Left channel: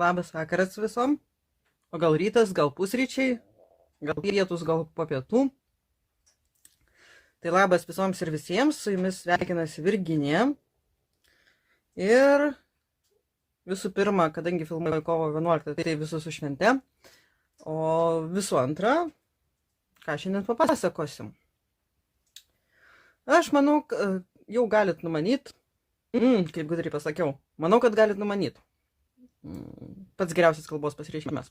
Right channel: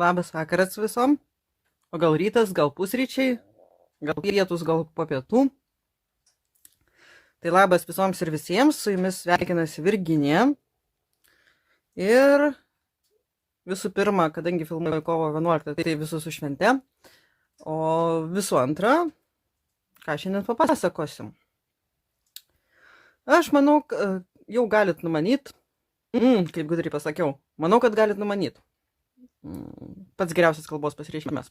Labas vakaras visom. O gal rytas, gal pusryčiai, gal pietus, gal po pietų. Tai labas visoms ir visiems, su jumis sveikinasi Virginija. Ir visų pirma, kadangi filmuoju kovo 11, tai visus su švente. O visų antra, ką šiandien papasakosim. Aš manau, jau galit numanyt, kaip gudriai pasakiau, manau, kad galit numanyt. Pats geriausias kalbos pasireiškimas.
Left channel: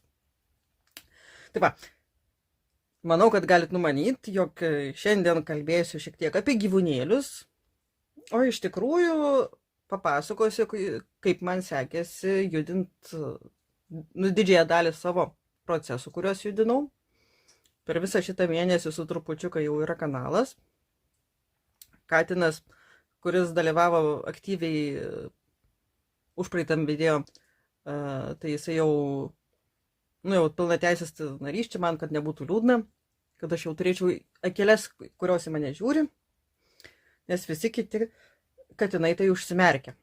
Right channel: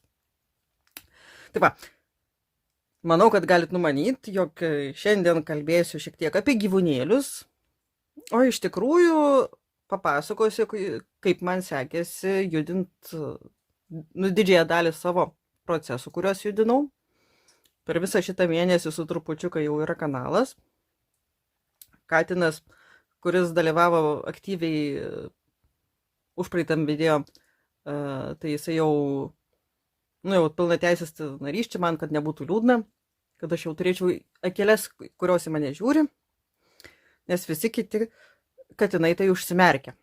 Taip va, manau, kad galit numanyt, jog šiandien kalbėsiu šiek tiek apie gyvūnėlius, o iš tikrųjų papasakosiu, kaip man sekėsi judint didžiąją dalį savo procesų, kuriuos judinau. Per visą šitą mėnesį su trupučiuką jau yra kanalas. Katinas, kuris dalyvavo aktyviai užpraeitam video, tai jisai jau pilna teisės narys čia man, kad nebūtų liūdna, kad aš jau turėčiau akeles, kurios į mane žiūri, nes visi kiti katinai tai užsimerkia.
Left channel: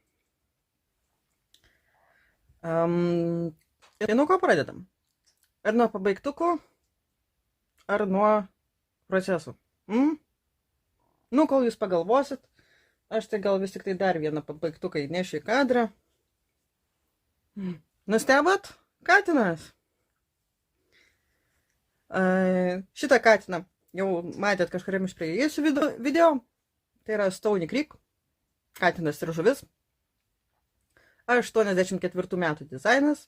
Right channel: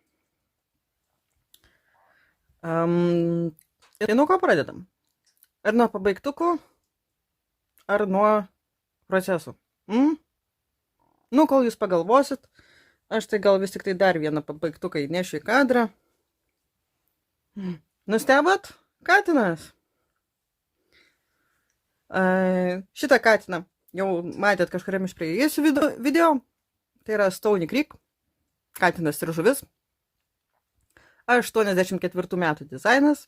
Ir nuo ko pradedam? Ar nuo pabaigtukų, ar nuo procesų? Kol jūs pagalvosit, aš tai gal vis tik tai dar vieną pabaigtuką įnešiu į kadrą. Nustebot? Katinas. Šitą katiną jau matėt kažkuriam iš praėjusių video. Tai yra Stony Creek. Katinas ir žuvis. 84 metų dizainas.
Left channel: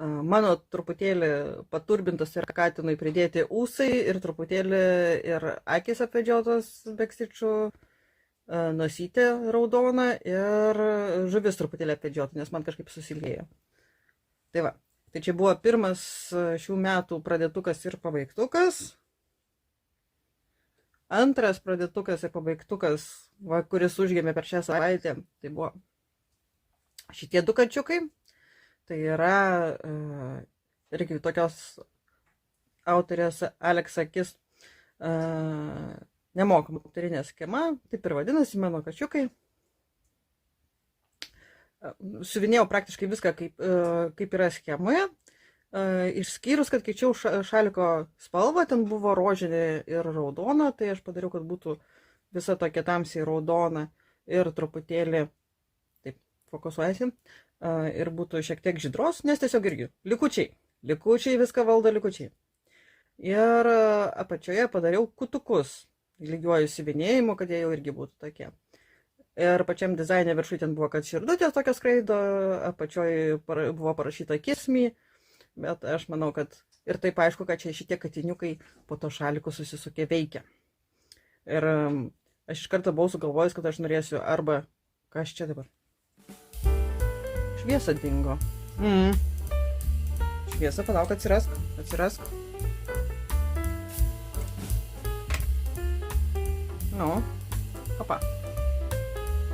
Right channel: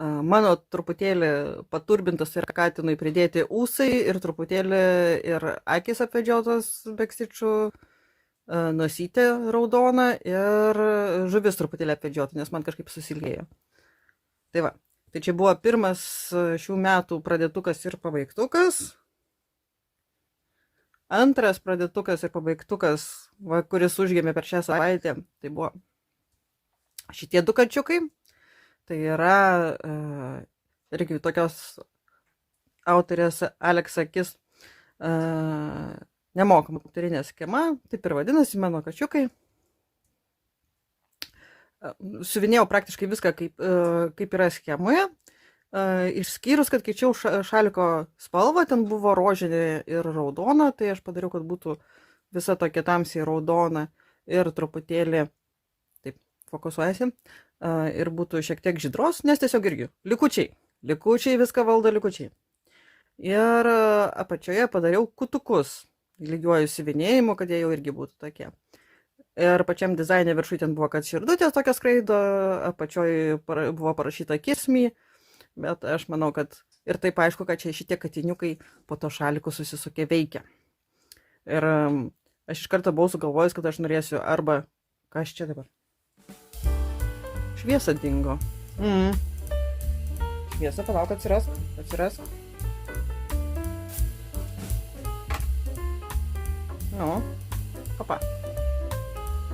Mano truputėlį paturbintas yra katinui pridėti ūsai ir truputėlį ir akis apvedžiotos bekstičių, nosytė raudona ir žuvis truputėlį apvedžiota, nes man kažkaip susiliejo. Tai va, tai čia buvo pirmas šių metų pradėtukas ir pabaigtukas. Antras pradėtukas ir pabaigtukas, kuris užgėmė per šią savaitę, tai buvo šitie du kačiukai. Tai yra irgi tokios autorės Alex Akis nemokama aktorinė schema, taip ir vadinasi mano kačiukai. Suvinėjau praktiškai viską, kaip yra schemoje, išskyrus, kad keičiau šaliko spalvą, ten buvo rožinė ir raudona, tai aš padariau, kad būtų visa tokia tamsiai raudona ir truputėlį, taip, fokusuojasi, ir būtų šiek tiek žydros, nes tiesiog irgi likučiai viską valdo likučiai. Ir apačioje padariau kutukus lygiuoju siuvinėjimu, kad jie jau irgi būtų tokie. Ir pačiam dizaine viršui ten buvo, kad širdutės tokia skraido, apačioje buvo parašyta kiss me, bet aš manau, kad ir taip aišku, kad čia šitie katiniukai po to šaliku susisukė veikia. Ir aš iš karto buvau sugalvojus, kad aš norėsiu arba, kas čia dabar? Šviesa dingo. Šviesa, palauk, atsirask. Opa.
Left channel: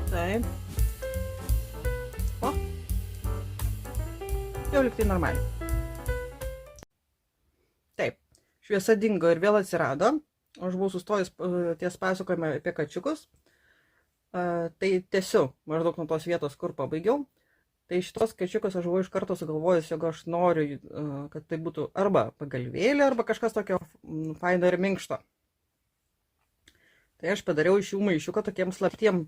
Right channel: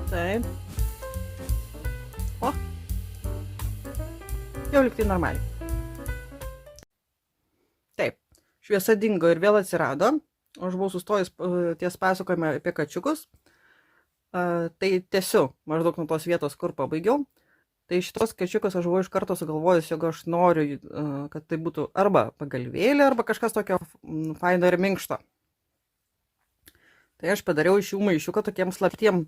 Taip. O. Jau liktai normaliai. Taip. Šviesa dingo ir vėl atsirado. Aš buvau sustojęs ties pasakojimą apie kačiukus. Tai tiesiu maždaug nuo tos vietos, kur pabaigiau. Tai šitos kačiukas aš buvau iš karto sugalvojus, jog aš noriu, kad tai būtų arba pagalvėlė, arba kažkas tokio faino ir minkšto. Tai aš padariau iš jų maišiuką tokiem slaptiem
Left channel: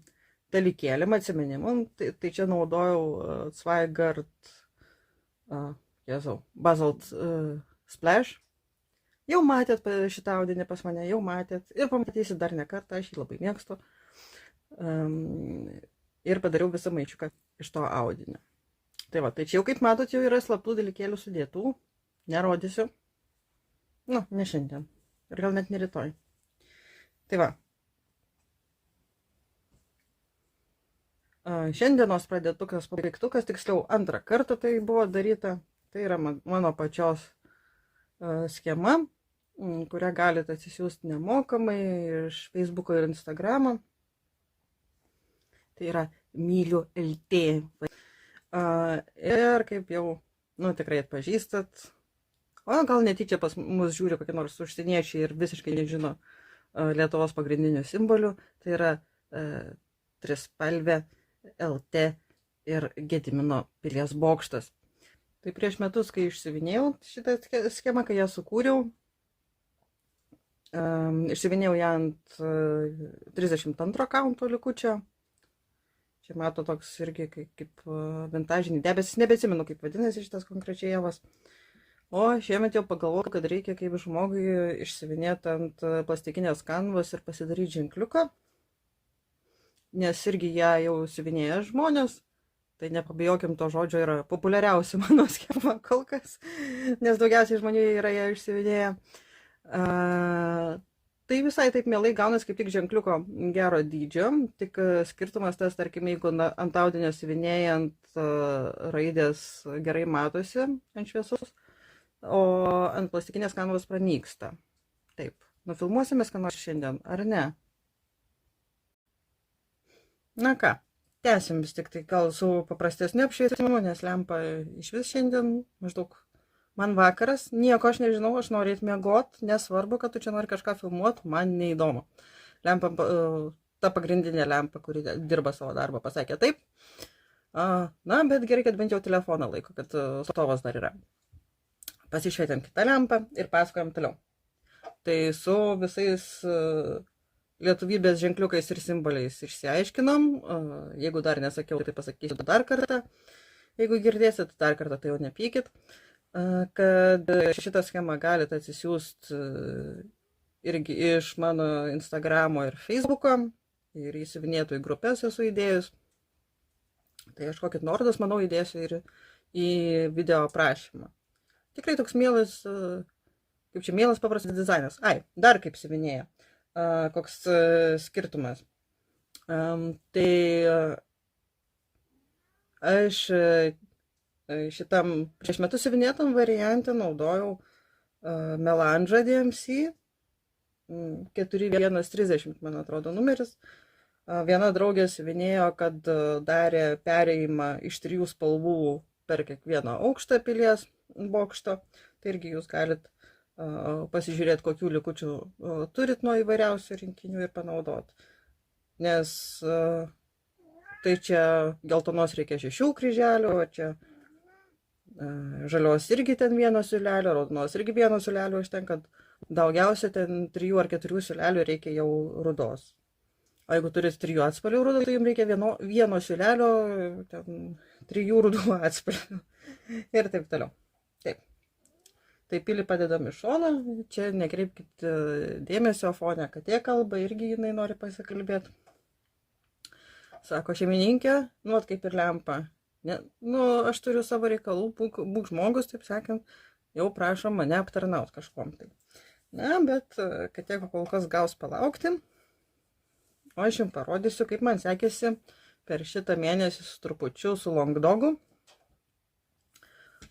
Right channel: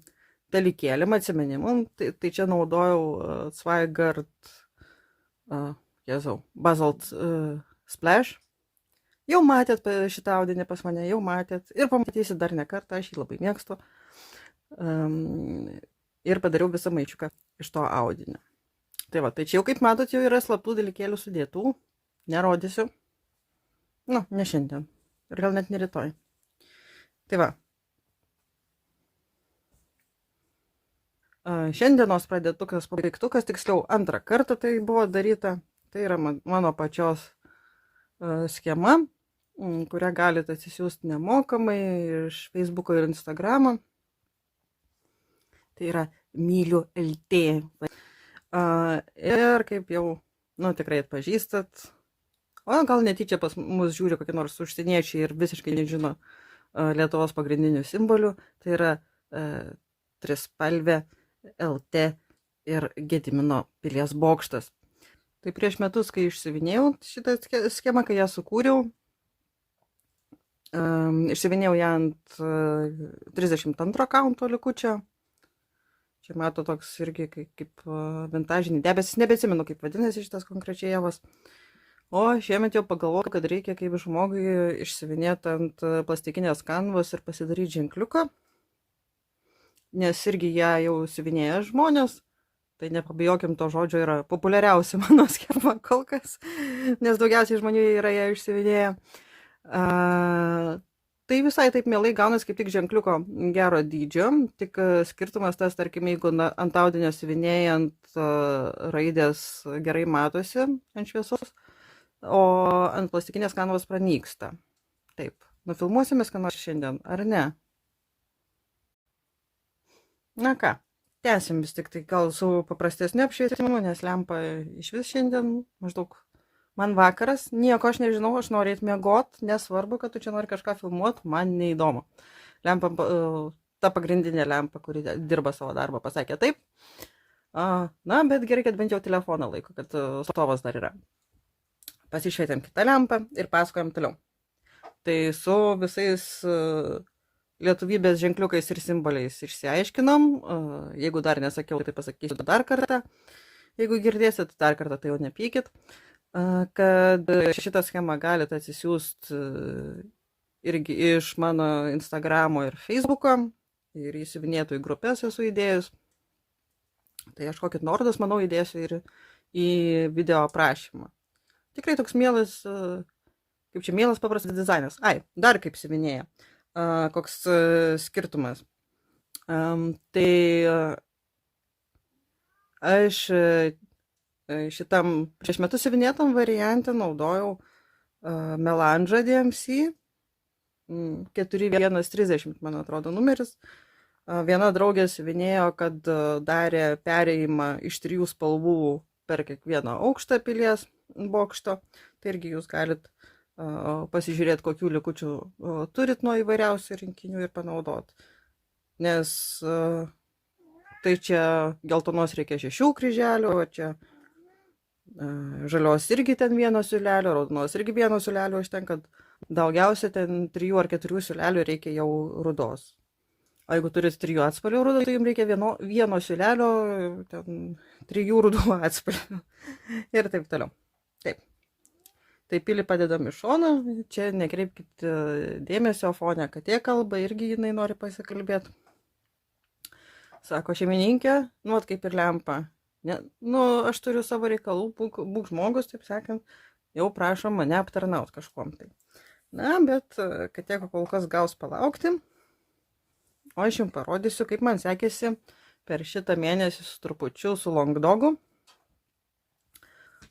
dalykėlėm, atsiminimam. Tai čia naudojau Zweigart Basalt Splash. Jau matėt šitą audinį pas mane, jau matėt. Ir pamatysit dar ne kartą, aš jį labai mėgstu. Ir padariau visą maišiuką iš to audinio. Tai va, tai čia jau kaip matot, jau yra slaptų dalykėlių sudėtų. Nerodysiu. Ne šiandien. Ir gal net ne rytoj. Tai va. Šiandienos pradėtukas, pabaigtukas, tiksliau antrą kartą tai buvo daryta. Tai yra mano pačios schema, kurią galite atsisiųsti nemokamai iš Facebooko ir Instagramo. Tai yra myliu LT. Ir kaip jau, tikrai atpažįstat, o gal netyčia pas mus žiūri kokie nors užsieniečiai ir visiškai nežino Lietuvos pagrindinių simbolių, tai yra trispalvė LT ir Gedimino pilies bokštas. Tai prieš metus, kai išsivinėjau šitą schemą, kai ją sukūriau, išsivinėjau ją ant 32 kaunto likučio. Čia mato toks irgi kaip vintažinį debesis, nebeatsimenu, kaip vadinasi šitas konkrečiai javas. O šiemet jau pagalvojau, kad reikia kaip žmogui išsivinėti ant plastikinės kanvos ir pasidaryti ženkliuką, nes irgi ją jau siuvinėja žmonės. Tai nepabijokim to žodžio, yra populiariausia mano schema kol kas, nes daugiausiai žmonių yra ją išsivinėję. Tai visai taip mielai gaunas kaip tik ženkliuko gero dydžio, tik skirtumas tas, tarkim, jeigu ant audinio siuvinėja ant raidės gerai matosi ant šviesos, o ant plastikinės kanvos pranyksta. Taip, nufilmuosimės ką nors šiandien, ar ne? Na ką, tęsim vis tik tai gal su paprastesniu apšvietimu, nes lempa iš vis šiandien maždaug man vakaras, nieko aš nežinau, aš noriu eiti miegot, nesvarbu, kad tu čia nori kažką filmuot, man neįdomu. Lempa, ta pagrindinė lempa, kuri dirba savo darbą, pasakė taip. Na, bet gerai, kad bent jau telefoną laiko, kad stovas dar yra. Pasišvietėm kitą lempą ir pasakojam toliau. Tai su visais lietuvybės ženkliukais ir simboliais išsiaiškinom. Jeigu dar nesakiau, tai pasakysiu dar kartą. Jeigu girdėsit dar kartą, tai jau nepykit. Kad šitą schemą galite atsisiųsti irgi iš mano Instagramo ir Facebooko. Ir įsivinėtų į grupės esu įdėjus. Tai aš kokį nuorodas, manau, įdėsiu ir į video aprašymą. Tikrai toks mielas, kaip čia mielas paprastas dizainas. Ai, dar kaip siuvinėja. Koks skirtumas. Tai aš šitam prieš metus siuvinėtam variantą naudojau Melandžą DMC 4130, man atrodo, numeris. Viena draugė siuvinėjo, kad darė perėjimą iš 3 spalvų per kiekvieną aukštą pilies bokšto. Tai irgi jūs galit pasižiūrėti, kokių likučių turit nuo įvairiausių rinkinių ir panaudoti. Nes tai čia geltonos reikia 6 kryželių, o čia žalios irgi ten 1 siūlelio, raudonos irgi 1 siūlelio užtenka, daugiausia ten 3 ar 4 siūlelių reikia jau rudos. O jeigu turit 3 atspalvių rudą, tai jums reikia 1 siūlelio, 3 rudų atspalvių ir taip toliau. Taip. Tai pilį padedam iš šono, čia nekreipkit dėmesio, fone katė kalba, irgi jinai nori pasikalbėti. Sako šeimininkė, nu, kaip ir lempa. Ne, nu, aš turiu savo reikalų, būk žmogus, taip sakant, jau prašom mane aptarnaut kažkom tai. Na, bet katė kol kas gaus palaukti, o aš jums parodysiu, kaip man sekėsi per šitą mėnesį su trupučiu su Longdogu.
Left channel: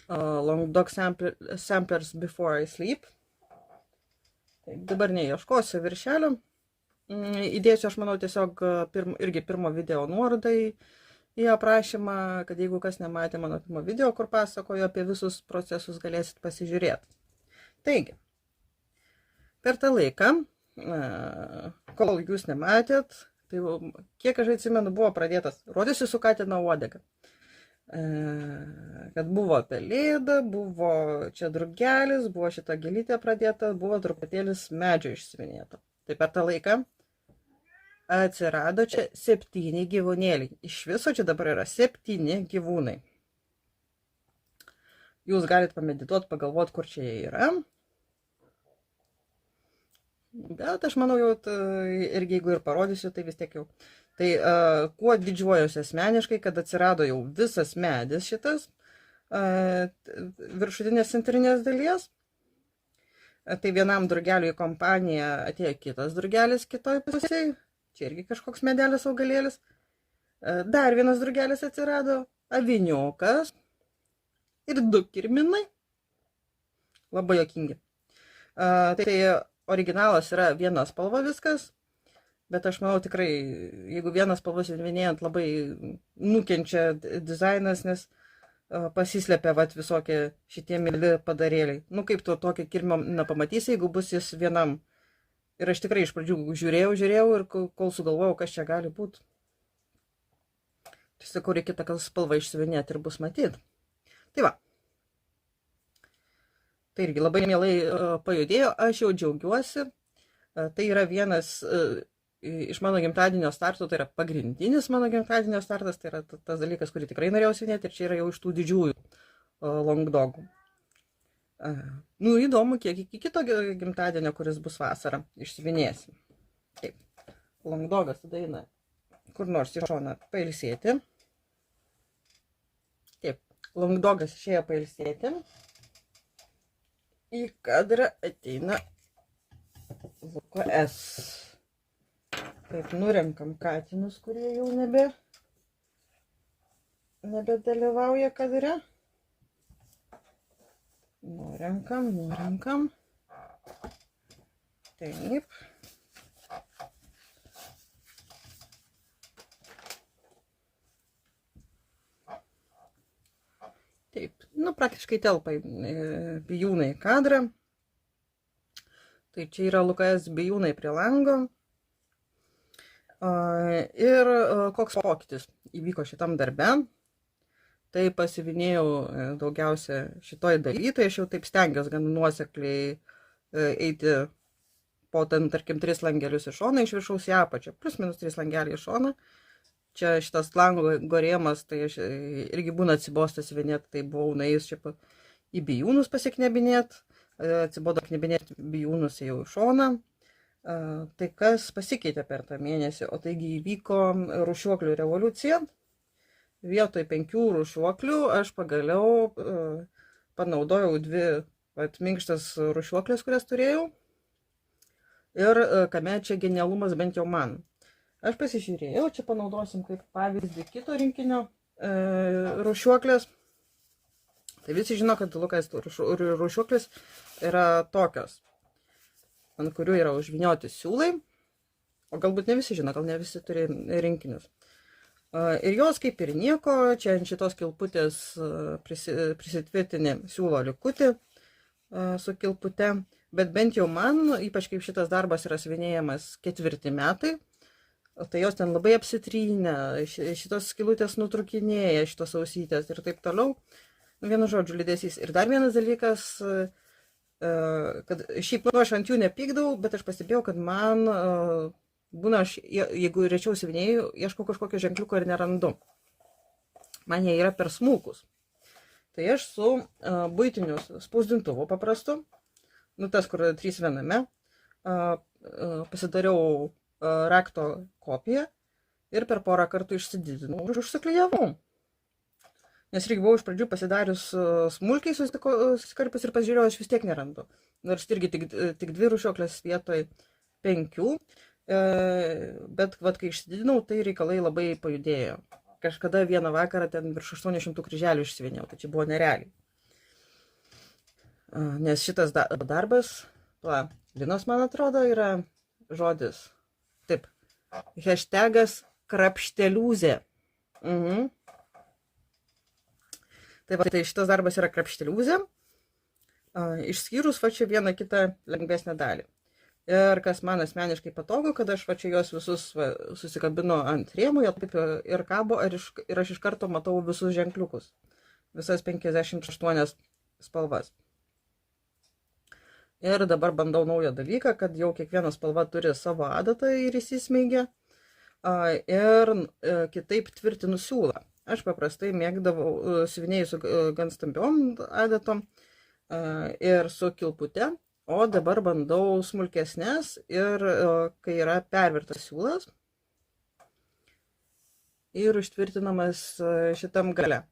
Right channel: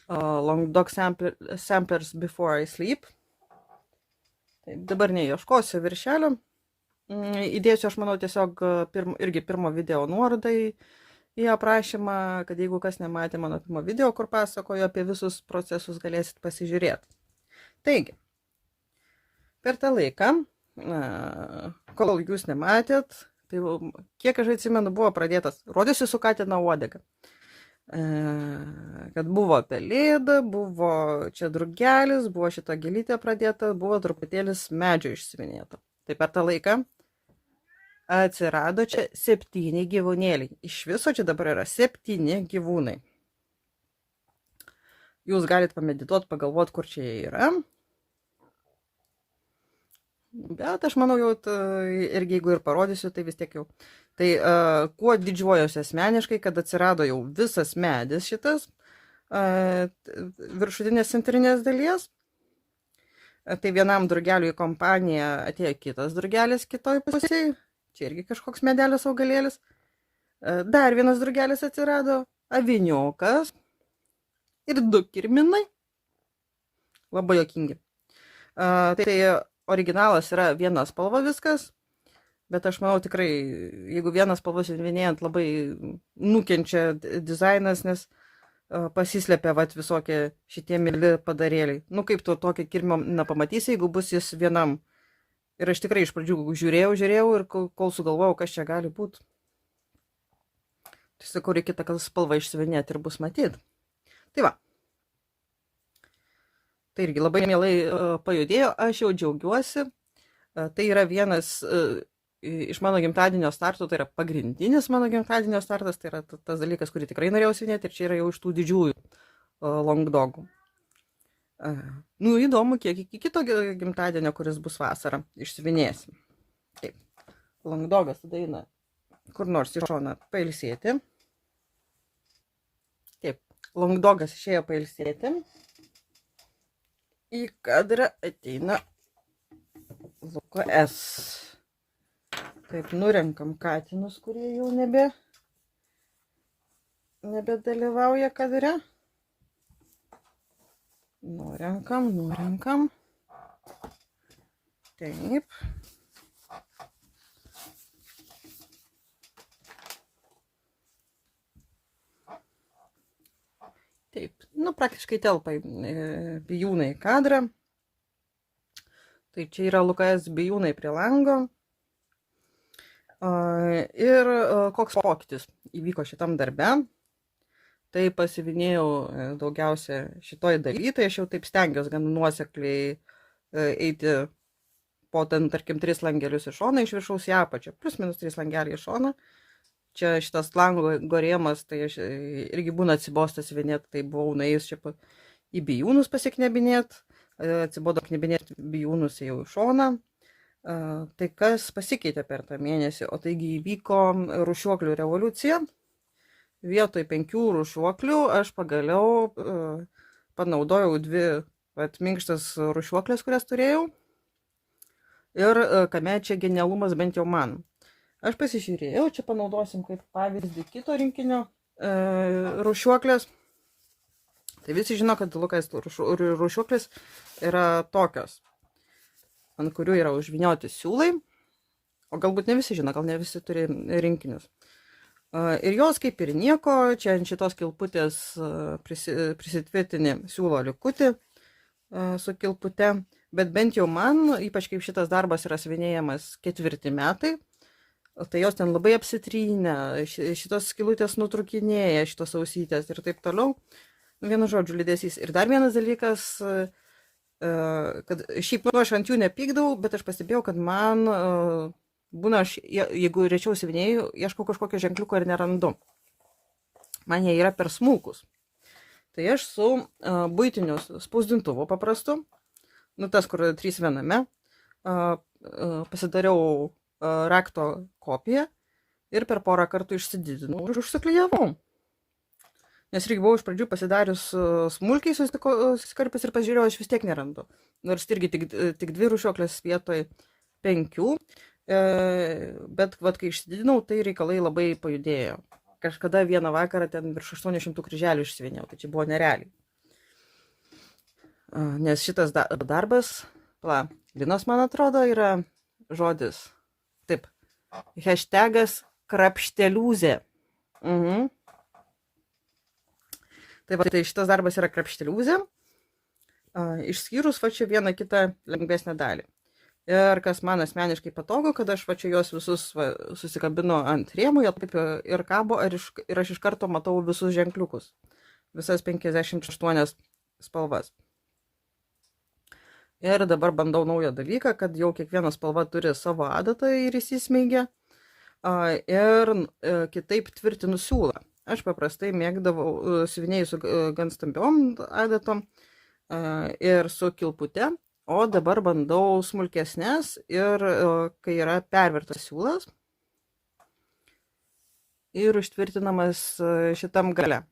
Longdog Samplers Before I Sleep. Taip, dabar neieškosiu viršelio. Įdėsiu, aš manau, tiesiog irgi pirmo video nuorodai į aprašymą, kad jeigu kas nematė mano pirmo video, kur pasakoju apie visus procesus, galėsit pasižiūrėti. Taigi, per tą laiką, kol jūs nematėt, tai kiek aš atsimenu, buvo pradėtas, rodysiu su Katina uodega. Kad buvo pelėda, buvo čia drugelis, buvo šita gėlytė pradėta, buvo truputėlis medžio išsivinėta. Tai per tą laiką atsirado čia 7 gyvūnėliai. Iš viso čia dabar yra 7 gyvūnai. Jūs galite pamedituoti, pagalvoti, kur čia jie yra. Bet aš manau, jau irgi jeigu ir parodysiu, tai vis tiek jau. Tai kuo didžiuojuosi asmeniškai, kad atsirado jau visas medis šitas viršutinės centrinės dalies. Tai vienam drugeliui į kompaniją atėjo kitas drugelis kitoj pusėje. Čia irgi kažkoks medelis augalėlis. Dar vienas drugelis atsirado, aviniukas ir 2 kirminai. Labai juokingi. Tai originalas yra 1 spalva viskas. Bet aš manau tikrai, jeigu 1 spalva siuvinėjant, labai nukenčia dizainas, nes pasislepia visokie šitie mili padarėliai. Nu kaip tu tokį kirmą nepamatysi, jeigu bus jis vienam. Ir aš tikrai iš pradžių žiūrėjau ir kol sugalvojau, kas čia gali būti. Tai sakau, reikia tą spalvą išsivinėti ir bus matyti. Tai va, Tai irgi labai mielai pajudėjo, aš jau džiaugiuosi. Tai yra vienas iš mano gimtadienio startų, tai yra pagrindinis mano gimtadienio startas, tai yra tas dalykas, kurį tikrai norėjau siuvinėti ir čia yra jau iš tų didžiųjų long dogų. Nu, įdomu, kiek iki kito gimtadienio, kuris bus vasarą, išsiuvinėsim. Taip, long dogas tada eina kur nors į šoną pailsėti. Taip, long dogas išėjo pailsėti. Į kadrą ateina Luko S. Taip, nurenkam katinus, kurie jau nebedalyvauja kadre. Nurenkam. Taip. Taip, nu praktiškai telpa bijūnai į kadrą. Tai čia yra Lukas bijūnai prie lango. Ir koks pokytis įvyko šitam darbe. Tai pasivinėjau daugiausia šitoj daly, tai aš jau taip stengiuosi gan nuosekliai eiti po ten, tarkim, 3 langelius į šoną, iš viršaus į apačią, plus minus 3 langeliai į šoną. Čia šitas lango gorėjimas, tai aš irgi būna atsibostas vienėti, tai buvau nuėjus čia į bijūnus pasiknebinėti, atsibodo knebinėti bijūnus jau į šoną. Tai kas pasikeitė per tą mėnesį, o taigi įvyko rūšiuoklių revoliucija. Vietoj 5 rūšiuoklių aš pagaliau panaudojau 2 minkštas rūšiuoklės, kurias turėjau. Ir kame čia genialumas bent jau man. Aš pasižiūrėjau, čia panaudosim kaip pavyzdį kito rinkinio rūšiuoklės. Tai visi žino, kad Lukas rūšiuoklės yra tokios, ant kurių yra užvynioti siūlai, o galbūt ne visi žino, gal ne visi turi rinkinius. Ir jos kaip ir nieko, čia ant šitos kilputės prisitvirtini siūlo likutį su kilpute, bet bent jau man, ypač kaip šitas darbas yra siuvinėjamas 4 metai, tai jos ten labai apsitrynę, šitos skylutės nutrukinėja, šitos ausytės ir taip toliau. Vienu žodžiu, liūdesys. Ir dar vienas dalykas, kad šiaip aš ant jų nepykdau, bet aš pastebėjau, kad man būna, jeigu rečiau siuvinėju, ieškau kažkokio ženkliuko ir nerandu. Man jie yra per smulkus. Tai aš su buitiniu spausdintuvu paprastu, nu tas, kur 3 viename, pasidariau rakto kopiją ir per porą kartų išsididinau ir užsiklijavau. Nes irgi buvau iš pradžių pasidarius smulkiai susikarpęs ir pasižiūrėjau, aš vis tiek nerandu. Nors irgi tik 2 rūšiuoklės vietoj 5, bet vat, kai išsididinau, tai reikalai labai pajudėjo. Kažkada vieną vakarą ten virš 800 kryželių išsivinėjau, tai čia buvo nerealiai. Nes šitas darbas, linas man atrodo, yra žodis. Taip, hashtagas krapšteliūzė. Tai šitas darbas yra krapšteliūzė, išskyrus va čia vieną kitą lengvesnę dalį. Ir kas man asmeniškai patogu, kad aš va čia juos visus susikabinu ant rėmų, jie taip ir kabo, ir aš iš karto matau visus ženkliukus, visas 58 spalvas. Ir dabar bandau naują dalyką, kad jau kiekviena spalva turi savo adatą ir įsismeigia. Ir kitaip tvirtinu siūlą. Aš paprastai mėgdavau siuvinėjai su gan stambiom adatom ir su kilpute, o dabar bandau smulkesnės ir kai yra pervertas siūlas ir užtvirtinamas šitam gale.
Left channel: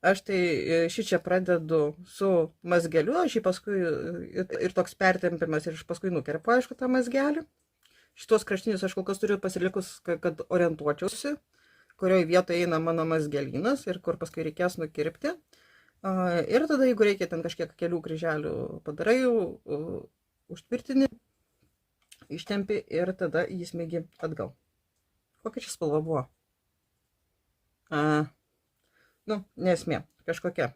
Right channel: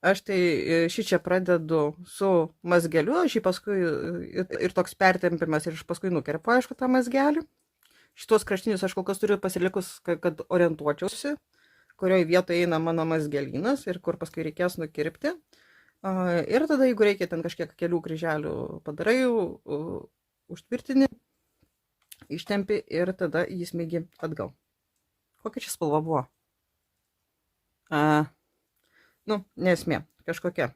Aš tai šį čia pradedu su mazgeliu, aš jį paskui ir toks pertempimas ir aš paskui nukerpu, aišku, tą mazgelį. Šitos kraštinius aš kol kas turiu pasilikus, kad orientuočiausi, kurioje vietoje eina mano mazgelinas ir kur paskui reikės nukirpti. Ir tada, jeigu reikia ten kažkiek kelių kryželių padarai, užtvirtini, ištempi ir tada jį smėgi atgal. Kokia čia spalva buvo? Nu, nesmė, kažkokia.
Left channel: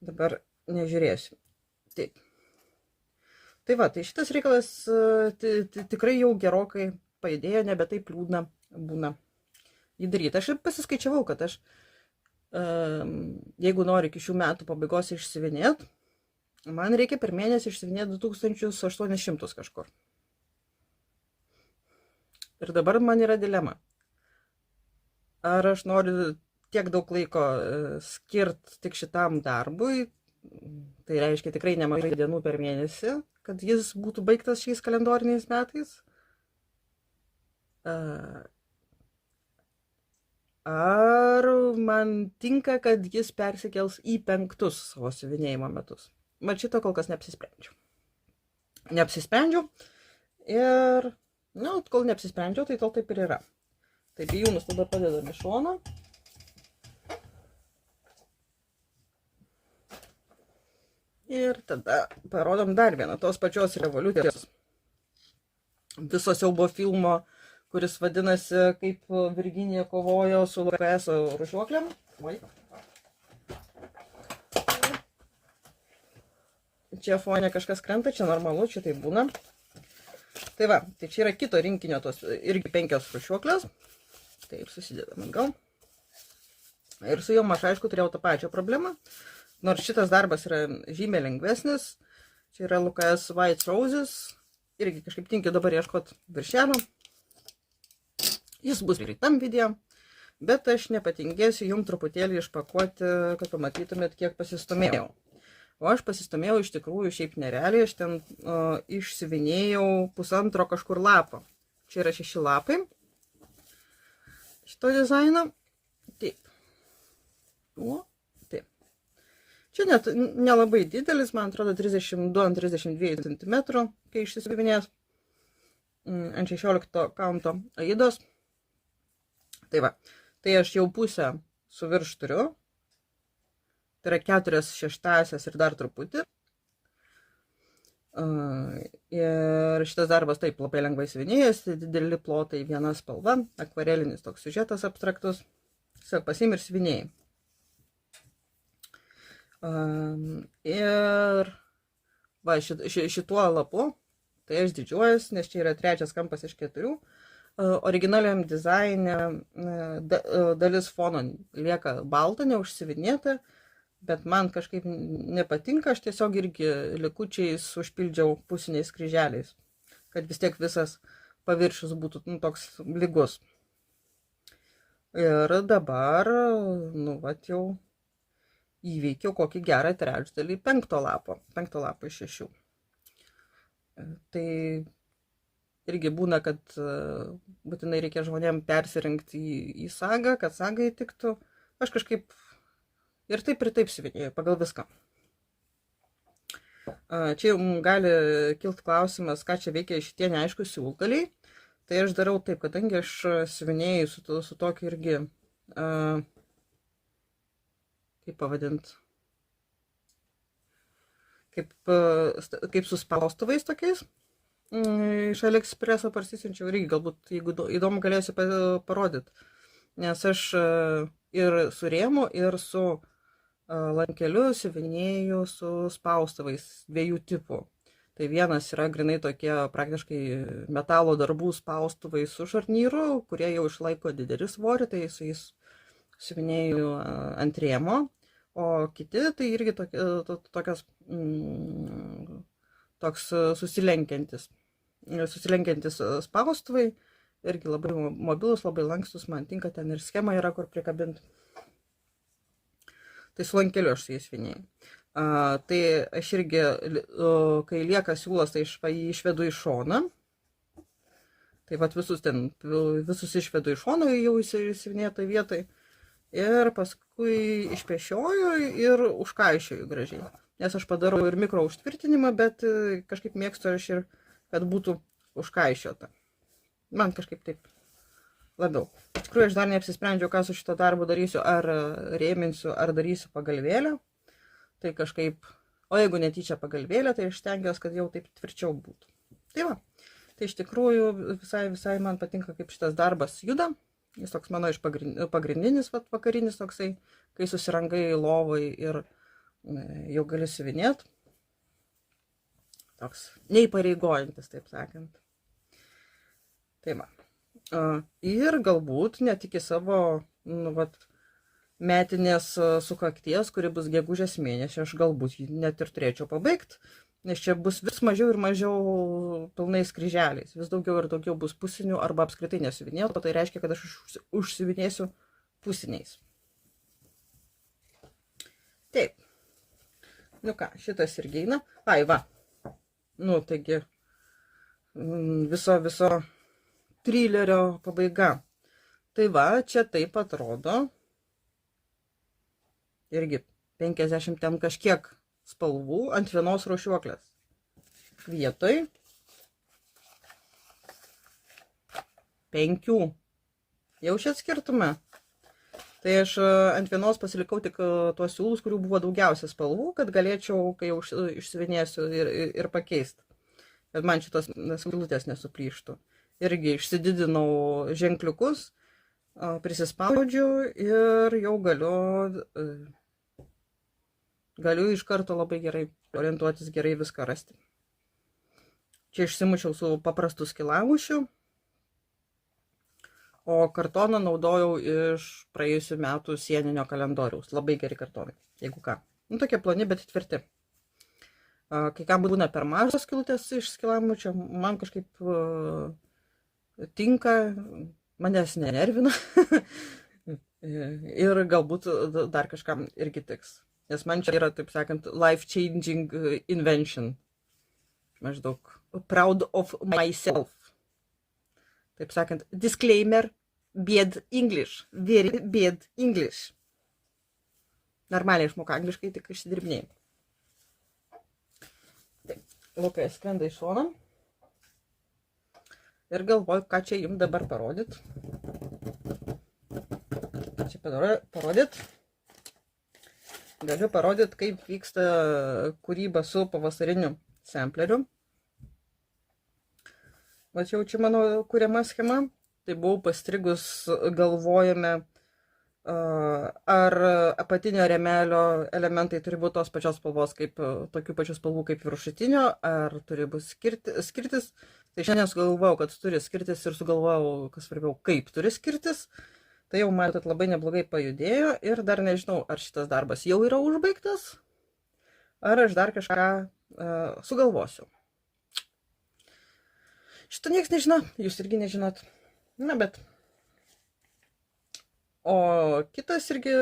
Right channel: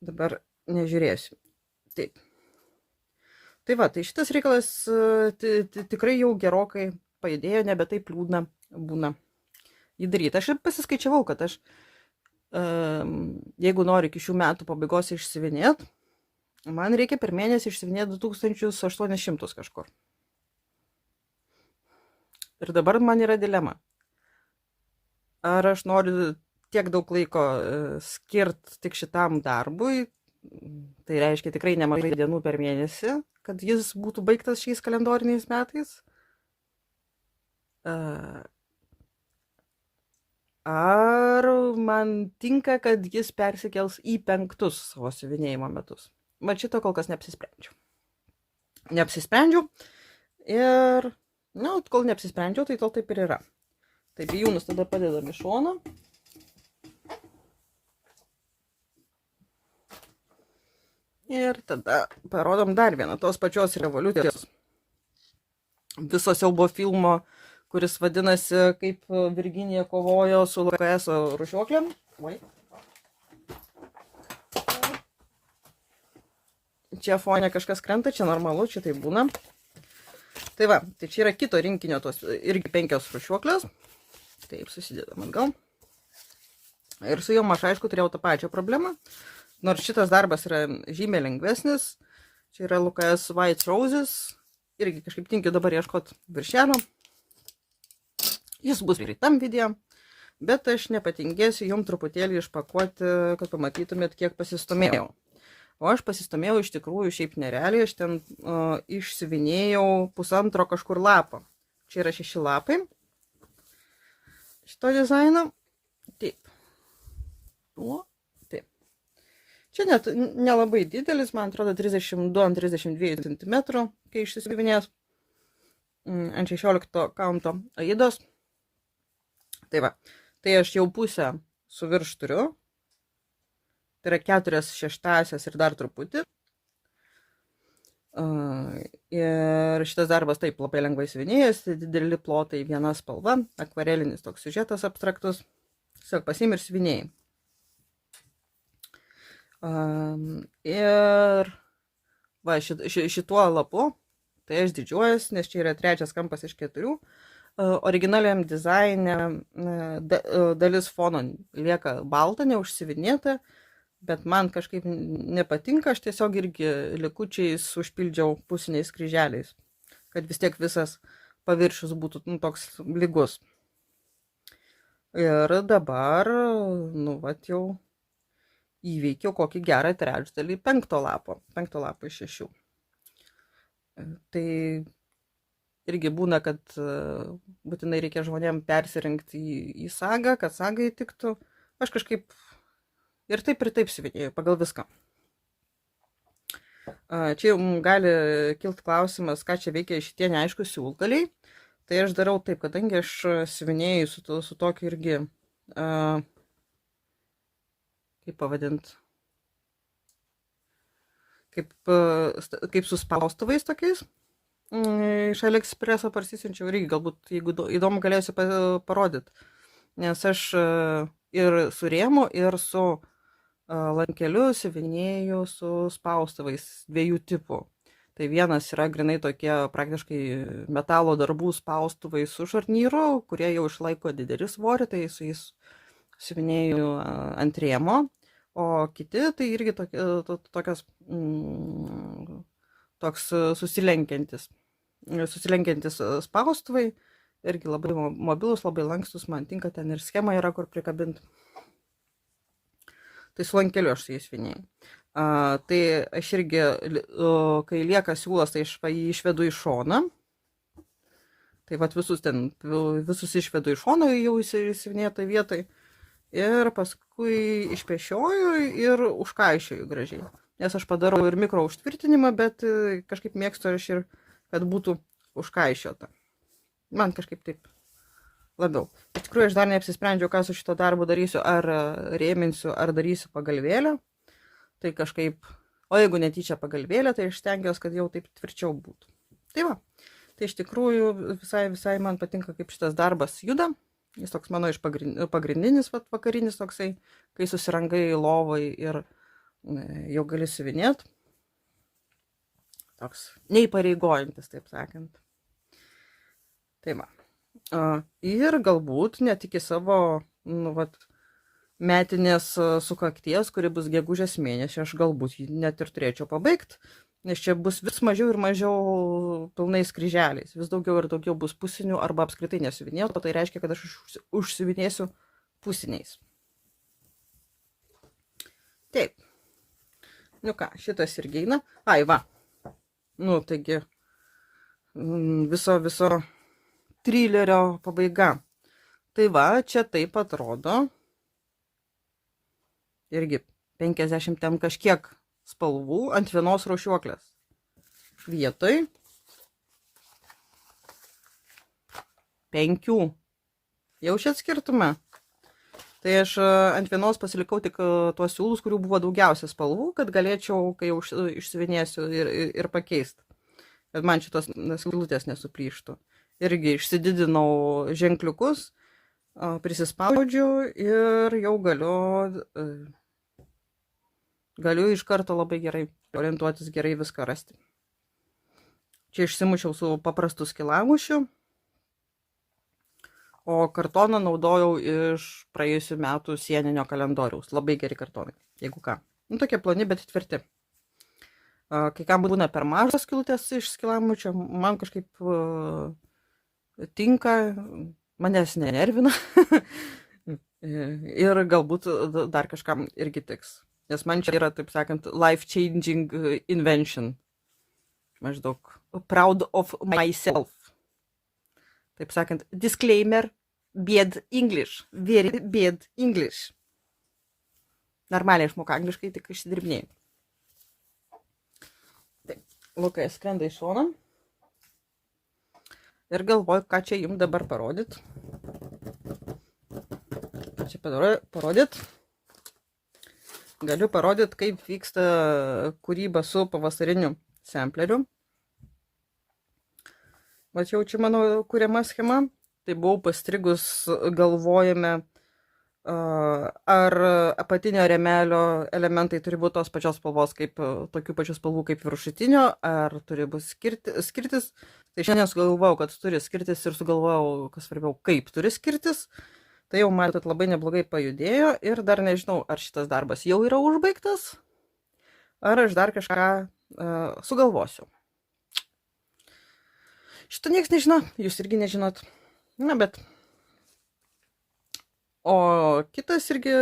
Dabar nežiūrėsiu. Taip. Tai va, tai šitas reikalas tikrai jau gerokai pajudėjo, nebe taip liūdna būna įdaryti. Aš pasiskaičiavau, kad aš jeigu noriu iki šių metų pabaigos išsiuvinėti, man reikia per mėnesį išsiuvinėti 2800 kažkur. Ir dabar man yra dilema. Ar aš noriu tiek daug laiko skirti tik šitam darbui, tai reiškia tikrai nemažai dienų per mėnesį, kad jis būtų baigtas šiais kalendoriniais metais. Ar man tinka, kad jis persikels į 5 savo siuvinėjimo metus. Man šito kol kas neapsisprendžiau. Ir, kol neapsisprendžiau, tai tol taip ir yra. Taip, bijūnus tada padedam į šoną. Ir tada parodom dar vieną tos pačios revoliucijos viso siaubo filmo, kuris vadinasi, kaip Virginija kovojo su LKS rūšiuoklėm. Čia fone kažkas krenta, čia normalu, čia tai būna. Tai va, tai čia yra kito rinkinio tos irgi 5 rūšiuoklės. Taip, susidedam atgal. Ir su jom aš aišku turėjau tą pačią problemą. Nors šitas darbas yra žymiai lengvesnis. Čia yra LKS White Roses. Irgi kažkaip tinkiu dabar ieškoti viršelio. Jis bus ir tam video. Bet aš nepatingėsiu jums truputėlį išpakuoti, kad pamatytumėt, kiek pasistumėjau. O aš pasistumėjau iš tikrųjų šiaip nerealiai. Aš ten išsiuvinėjau 1,5 kažkur lapo. Čia yra 6 lapai. Šito dizaino. Taip. Taip. Čia net nelabai didelis, man atrodo 32 ant 32 cm, kai išsiuvinės ant 16 kaunto aidos. Tai va, tai aš jau pusę su virš turiu. Tai yra 4/6 ir dar truputį. Ir šitas darbas taip labai lengvai siuvinėjas, dideli plotai, viena spalva, akvarelinis toks siužetas abstraktus. Tiesiog pasiimi ir siuvinėjai. Ir va, šituo lapu, tai aš didžiuojuosi, nes čia yra 3 kampas iš 4. Originaliam dizaine dalis fono lieka balta, neužsiuvinėta, bet man kažkaip nepatinka, aš tiesiog irgi likučiais užpildžiau pusiniais kryželiais, kad vis tiek visas paviršius būtų toks lygus. Ir dabar, jau įveikiau kokį gerą trečdalį 5 lapo iš 6. Tai irgi būna, kad būtinai reikia žmonėm persirinkti į sagą, kad sagai tiktų. Aš kažkaip ir taip siuvinėjau pagal viską. Čia jau gali kilti klausimas, ką čia veikia šitie neaiškus siūlgaliai. Tai aš darau taip, kadangi aš siuvinėjau su tokiu irgi, kaip pavadint, kaip su spaustuvais tokiais. Iš AliExpresso parsisiunčiau irgi, galbūt, jeigu įdomu, galėsiu parodyti. Nes aš ir su rėmu, ir su lankeliu siuvinėju su spaustuvais 2 tipų. Tai vienas yra grinai tokie praktiškai metalo darbų spaustuvai su šarnyru, kurie jau išlaiko didelį svorį, tai su jais siuvinėju ant rėmo. O kiti tai irgi toks susilenkiantis spaustuvai, irgi labai mobilus, labai lankstus, man tinka, ten ir schema yra, kur prikabinti. Tai su lankeliu aš su jais siuvinėjau. Tai aš irgi, kai lieka siūlas, tai aš jį išvedu į šoną. Tai vat visus išvedu į šoną jau įsiuvinėtoj vietoj. Ir paskui išpešioju ir užkaišioju gražiai. Nes aš padarau ir mikro užtvirtinimą, bet kažkaip mėgstu aš ir, kad būtų užkaišiota. Man kažkaip taip labiau. Iš tikrųjų, aš dar neapsisprendžiau, ką su šito darbu darysiu, ar rėminsiu, ar darysiu pagalvėlę. Tai kažkaip, o jeigu netyčia pagalvėlė, tai aš stengiuosi, kad jau taip tvirčiau būtų. Tai va, tai iš tikrųjų visai man patinka, kaip šitas darbas juda. Jis toks mano iš pagrindinis vakarinis toksai, kai susirangai lovai ir jau gali siuvinėti. Toks neįpareigojantis, taip sakant. Tai va. Ir galbūt net iki savo, metinės sukakties, kuri bus gegužės mėnesį. Aš galbūt jį net ir turėčiau pabaigti, nes čia bus vis mažiau ir mažiau pilnais kryželiais. Vis daugiau ir daugiau bus pusinių arba apskritai nesiuvinėtų, tai reiškia, kad aš užsiuvinėsiu pusiniais. Taip. Nu ką, šitas irgi eina. Ai, va. Nu, taigi, viso trilerio pabaiga. Tai va, čia taip atrodo. Irgi 50 ten kažkiek spalvų ant vienos rūšiuoklės. Vietoj 5. Jaučiat skirtumą? Tai aš ant vienos pasilikau tik tuos siūlus, kurių buvo daugiausia spalvų, kad galėčiau, kai jau išsiuvinėsiu ir pakeisti. Bet man šitos skylutės nesuplyštų. Irgi išsididinau ženkliukus, prisispaudžiau ir jau galiu iš karto labai gerai orientuotis, gerai viską rasti. Čia išsimušiau su paprastu skilamušiu. O kartoną naudojau iš praėjusių metų sieninio kalendoriaus. Labai geri kartonai, jeigu ką. Nu, tokie ploni, bet tvirti. Kai kam būna per mažas skylutės iš skilamučio, man kažkaip tinka, manęs nenervina. Ir galbūt dar kažkam irgi tiks. Nes man čia yra, taip sakant, life-changing invention. Maždaug proud of myself. Taip sakant, disclaimer, bad English, very bad English. Normaliai išmoka angliškai, tik išsidirbinėjau. Taip, Lukai skrenda iš šoną. Ir galvoju, ką čia jums dabar parodyt. Ką čia parodyt? Galiu parodyt, kaip vyksta kūryba su pavasariniu sampleriu. Mačiau, čia mano kuriama schema, tai buvau pastrigus galvojame, ar apatinio rėmelio elementai turi būti tos pačios spalvos, kaip tokių pačių spalvų kaip viršutinio, ar turi būti skirtis. Tai šiandien sugalvojau, kad turi skirtis ir sugalvojau, kas svarbiau, kaip turi skirtis. Tai jau matot labai neblogai pajudėjo ir dar nežinau, ar šitas darbas jau yra užbaigtas, ar aš dar kažką sugalvosiu. Šito nieks nežino, jūs irgi nežinot. Na, bet. O kitas irgi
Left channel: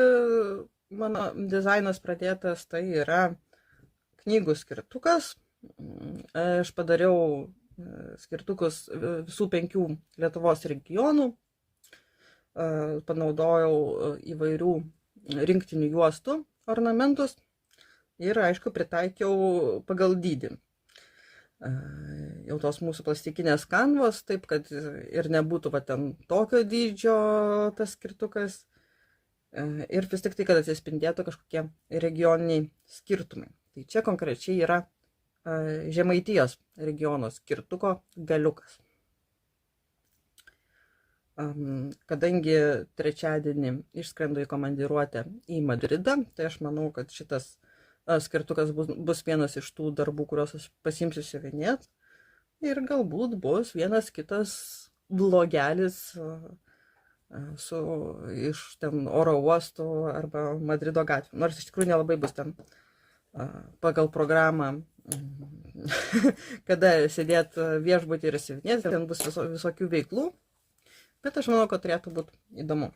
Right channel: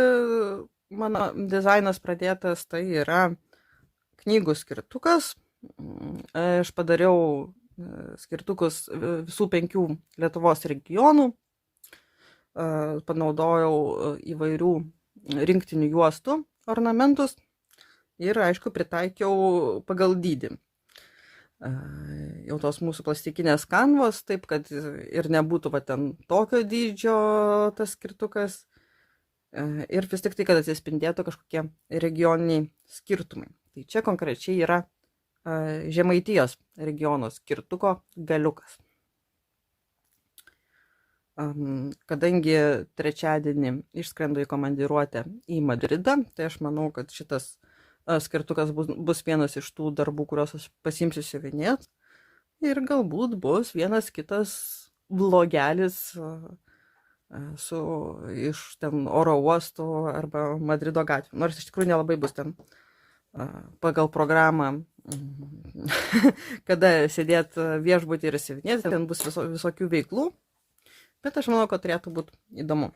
mano dizainas pradėtas, tai yra knygų skirtukas. Aš padariau skirtukus visų 5 Lietuvos regionų. Panaudojau įvairių rinktinių juostų ornamentus ir, aišku, pritaikiau pagal dydį. Jau tos mūsų plastikinės kanvos, taip kad ir nebūtų va ten tokio dydžio tas skirtukas ir vis tik tai, kad atsispindėtų kažkokie regioniniai skirtumai. Tai čia konkrečiai yra Žemaitijos regiono skirtuko galiukas. Kadangi trečiadienį išskrendu į komandiruotę į Madridą, tai aš manau, kad šitas skirtukas bus vienas iš tų darbų, kuriuos aš pasiimsiu siuvinėt. Ir galbūt bus vienas kitas vlogelis iš ten oro uostų arba Madrido gatvių. Nors iš tikrųjų nelabai bus ten pagal programą, kada sėdėt viešbutį ir siuvinėti, ten bus visokių veiklų. Bet aš manau, kad turėtų būti įdomu.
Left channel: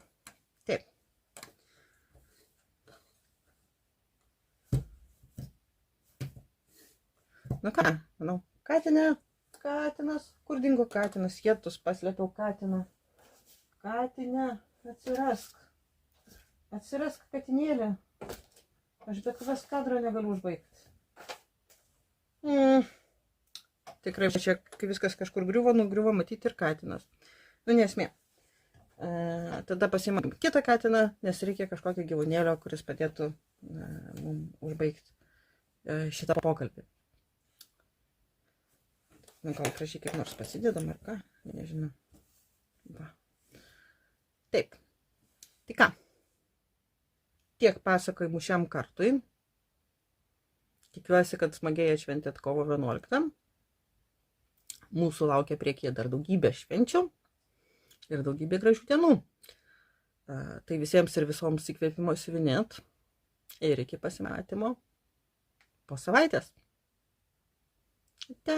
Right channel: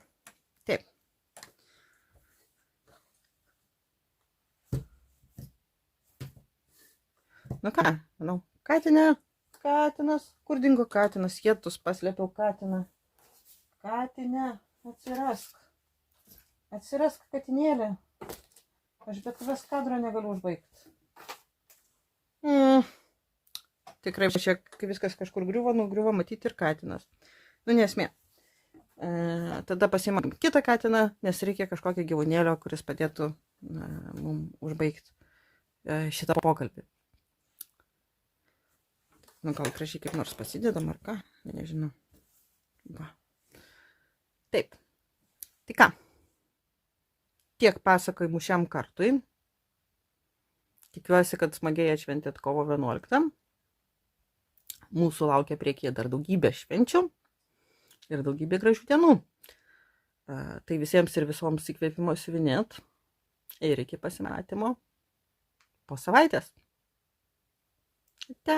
Taip. Nu ką, manau, katinas, kur dingo katinas, jėtus paslėpiau katiną. Katinė, atsirask katinėlė. Aš bet vis kadro negaliu užbaigti. Tikrai čia, kai viskas kažkur griuvo, nugriuvo matyti ir katinas. Nu, nesmė. Tada pasiimam kitą katiną, nes reikia kažkokio gyvūnėlio, kuris padėtų mums užbaigti šitą pokalbį. Nu, gal gražiai kaip nors pasidedam ar ką, nežinau. Va. Taip. Tai ką? Tiek pasakojimų šiam kartui. Tikiuosi, kad smagiai atšventėt kovo 11. Mūsų laukia priekyje dar daugybė švenčių ir daugybė gražių dienų. Tai visiems ir visoms įkvėpimo siuvinėt. Ir iki pasimatymo po savaitės. Ate.